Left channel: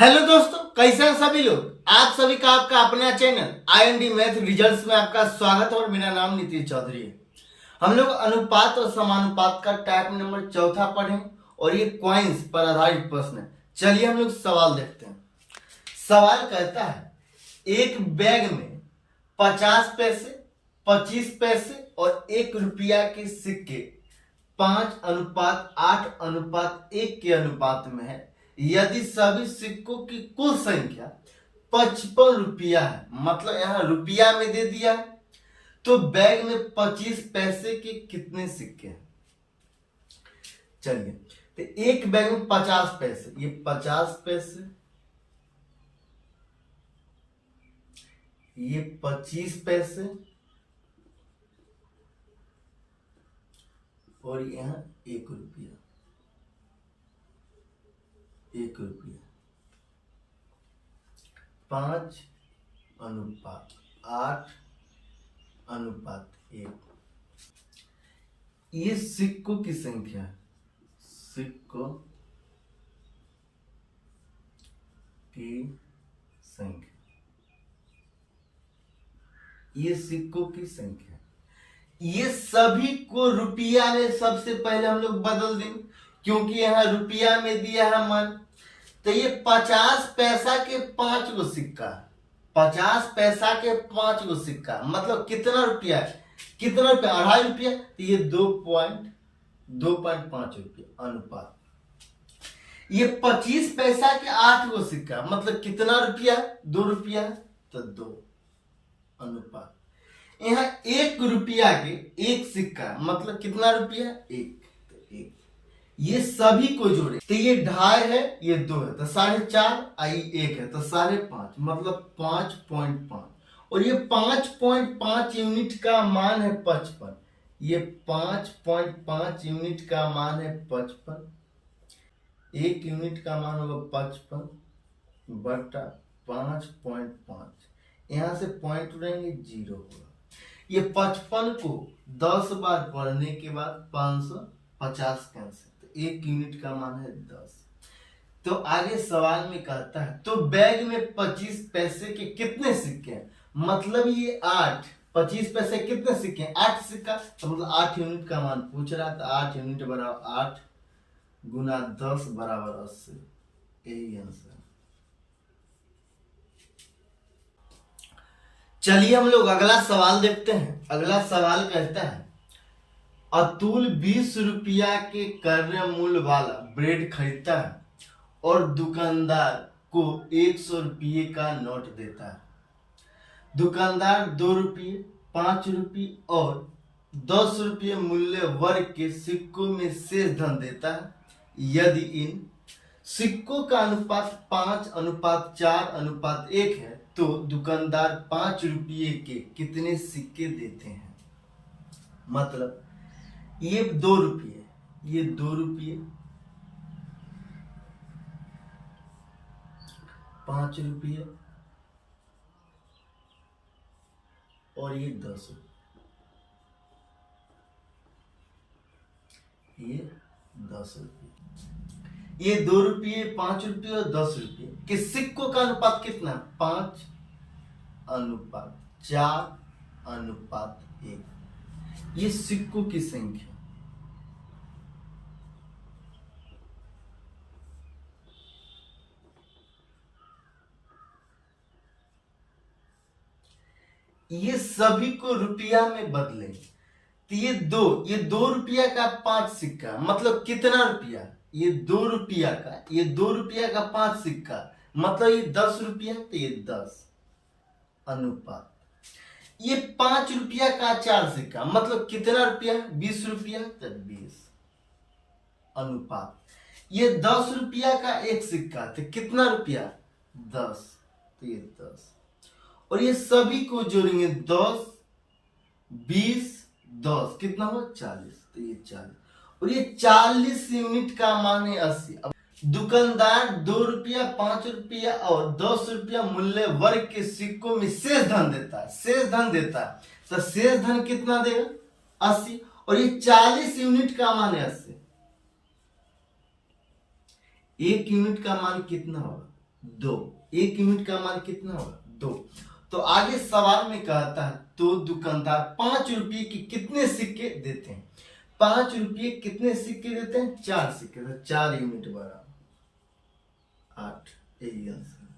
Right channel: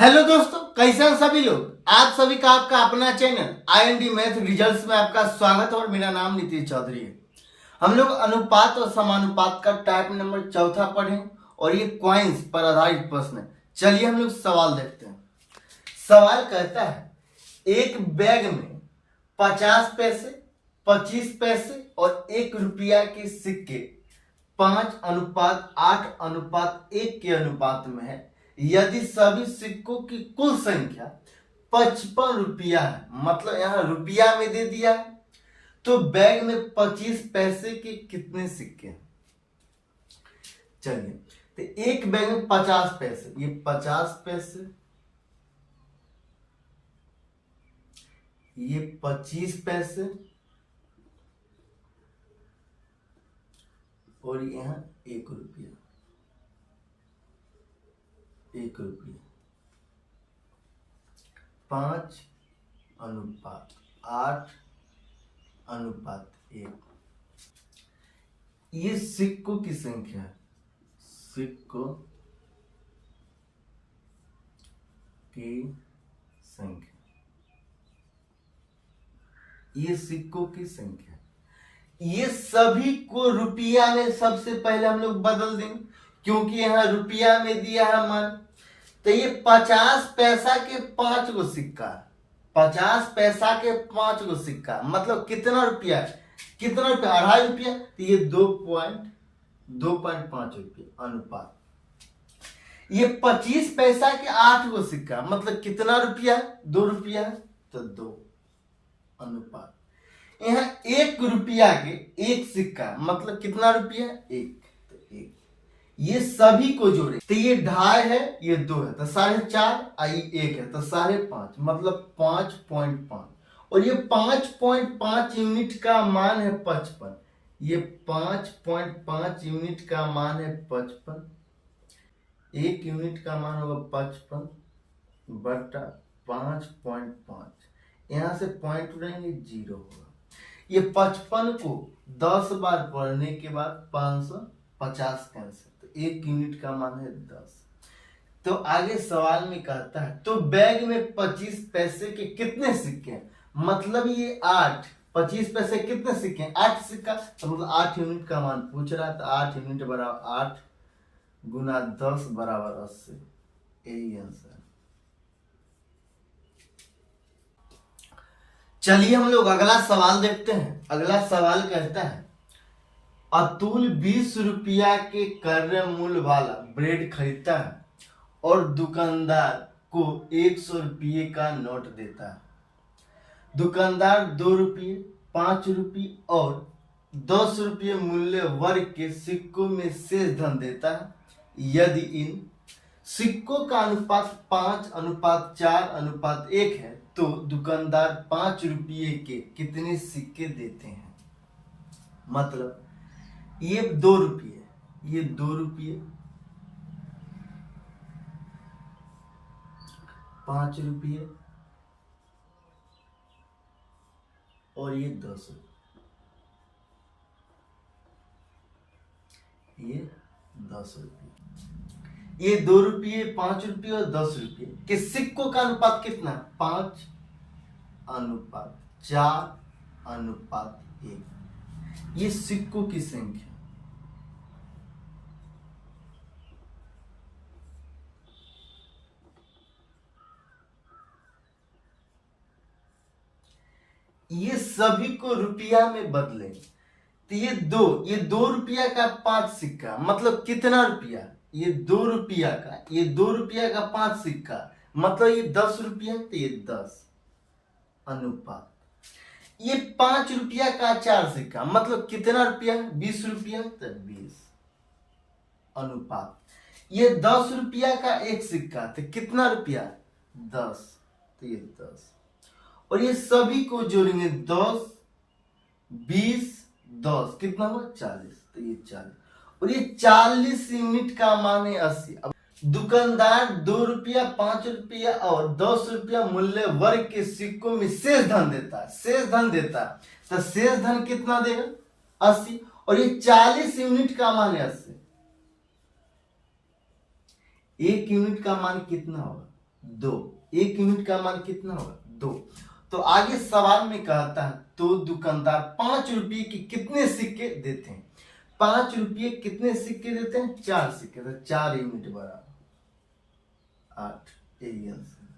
Hello दोस्तों, कैसे हैं सभी लोग। आप सभी का आपका अपना चैनल IND मैथ रिजल्ट्स में आपका स्वागत है और मेरा नाम नीतीश चौधरी है। हम लोग अनुपात और समानुपात का टाइप नंबर चौथा पढ़े और ये क्वाइंस पर आधारित प्रश्न है। चलिए हम लोग सवाल देखते हैं। सवाल कहता है एक बैग में 50 पैसे, 25 पैसे और 1 रुपया के सिक्के 5:8:1 के अनुपात में है। यदि सभी सिक्कों की कुल संख्या 55 रुपया है, मतलब यहां रुपया में दे दिया है, तो बैग में 25 पैसे के कितने सिक्के हैं। चलिए, तो एक बैग में 50 पैसे, ये 50 पैसे, ये 25 पैसे और यहां 1 रुपया, 1 रुपया। 5:8:1। ये सिक्कों की संख्या है, सिक्कों की संख्या, ये सिक्कों की संख्या। ये सभी को रुपया में सबसे पहले हम लोग बदल देंगे, क्योंकि यहां रुपया में दिया है मान। तो ये 50 पैसा के 5 गो सिक्का, 50 पैसा के 5 गो सिक्का, मतलब कितना रुपया है, कितना रुपया, 2.5 रुपया। तो ये 2.5 रुपया अनुपात। ये 25 पैसा के 8 गो सिक्का, मतलब कितना रुपया, 2 रुपया, तो 2 अनुपात। यहाँ 1 रुपया के 1 सिक्का, मतलब कितना रुपया, 1, तो 1। ये सभी को जोड़े तो ये 2.5 है, ये 2 है, तो 4.5, आई 1 है, तो 5.5, मतलब 5.5। और ये 5.5 यूनिट का मान है 55। ये 5.5 यूनिट का मान है 55। 1 यूनिट का मान होगा 55 बटा 5.5। यहां से पॉइंट उड़ेंगे, 0 होगा। ये 55 को 10 बार पढ़ने के बाद 550 कैंसिल, तो 1 यूनिट का मान है 10। तो आगे सवाल में कहता है तो बैग में 25 पैसे के कितने सिक्के हैं, मतलब ये 8, 25 पैसे कितने सिक्के हैं, 8 सिक्का, तो मतलब 8 यूनिट का मान पूछ रहा था। 8 यूनिट बराबर 8 गुना 10 बराबर 80, यही आंसर। चलिए हम लोग अगला सवाल देखते हैं। अगला सवाल कहता है अतुल 20 रुपया के क्रय मूल्य वाला ब्रेड खरीदता है और दुकानदार को 100 रुपये का नोट देता है। दुकानदार 2 रुपये, 5 रुपये और 10 रुपये मूल्य वर्ग के सिक्कों में शेष धन देता है। यदि इन सिक्कों का अनुपात 5:4:1 है, तो दुकानदार 5 रुपये के कितने सिक्के देते हैं। मतलब ये 2 रुपये, ये 2 रुपये, 5 रुपये और ये 10 रुपये, ये 10 रुपये। ये 2 रुपये, 5 रुपये और 10 रुपये के सिक्कों का अनुपात कितना, 5:4:1। ये सिक्कों की संख्या। ये सभी को रुपया में बदले, तो ये 2 रुपया का 5 सिक्का, मतलब कितना रुपया, ये 2 रुपया का, ये 2 रुपया का 5 सिक्का, मतलब ये 10 रुपया, तो ये 10 अनुपात। ये 5 रुपया का 4 सिक्का, मतलब कितना रुपया, 20 रुपया, तो 20 अनुपात। ये 10 रुपया का 1 सिक्का, तो कितना रुपया, 10, तो ये 10। और ये सभी को जोड़ेंगे, 10, 20, 10, कितना हुआ, 40, तो ये 40। और ये 40 यूनिट का मान है 80। अब दुकानदार 2 रुपया, 5 रुपया और 10 रुपया मूल्य वर्ग के सिक्कों में शेष धन देता है, शेष धन देता है, तो शेष धन कितना देगा, 80। और ये 40 यूनिट का मान है 80। 1 यूनिट का मान कितना होगा, 2। 1 यूनिट का मान कितना होगा 2। तो आगे सवाल में कहता है तो दुकानदार 5 रुपये के कितने सिक्के देते हैं। 5 रुपये कितने सिक्के देते हैं 4 सिक्के, तो 4 यूनिट बराबर 8। यही आंसर।